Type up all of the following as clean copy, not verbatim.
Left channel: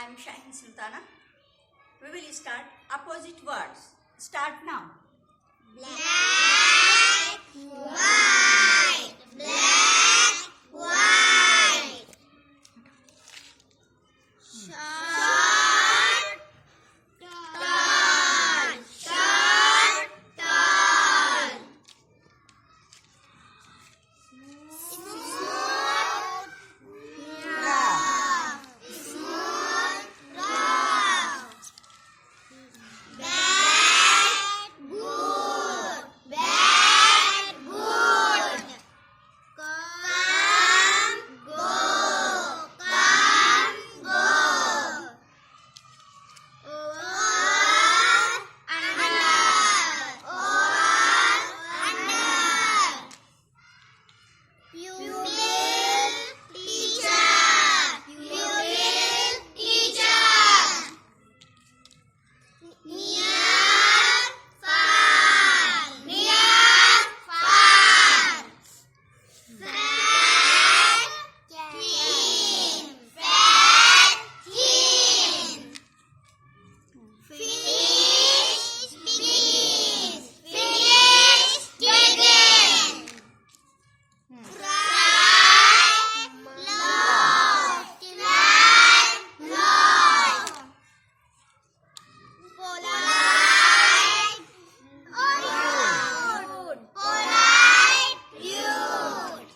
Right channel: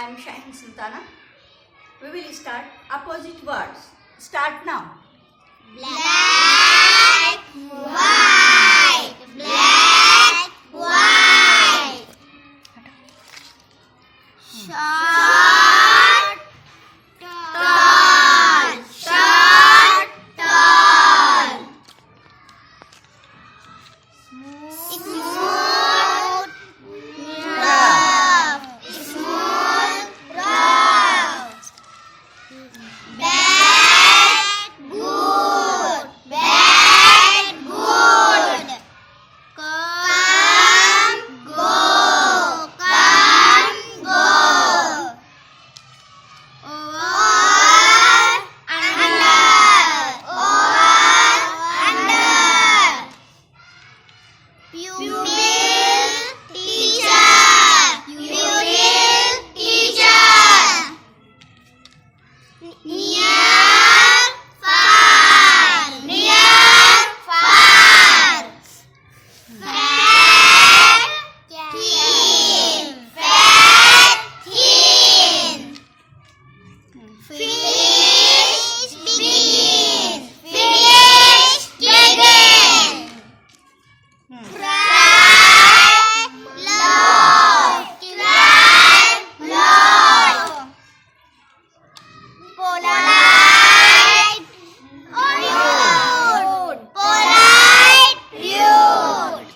I am Shahin Sultana. We will start opposite words. Start now. Black, white, black, white. Short, tall, short, tall. Smooth, rough, smooth, rough. Bad, good, bad, good. Come, go, come, go. Or, under. Pupil, teacher, pupil, teacher. Near, far, fat, thin, fish, begin, cry, loud, polite, rude, rude.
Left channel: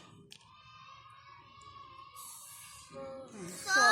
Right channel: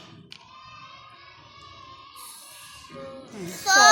So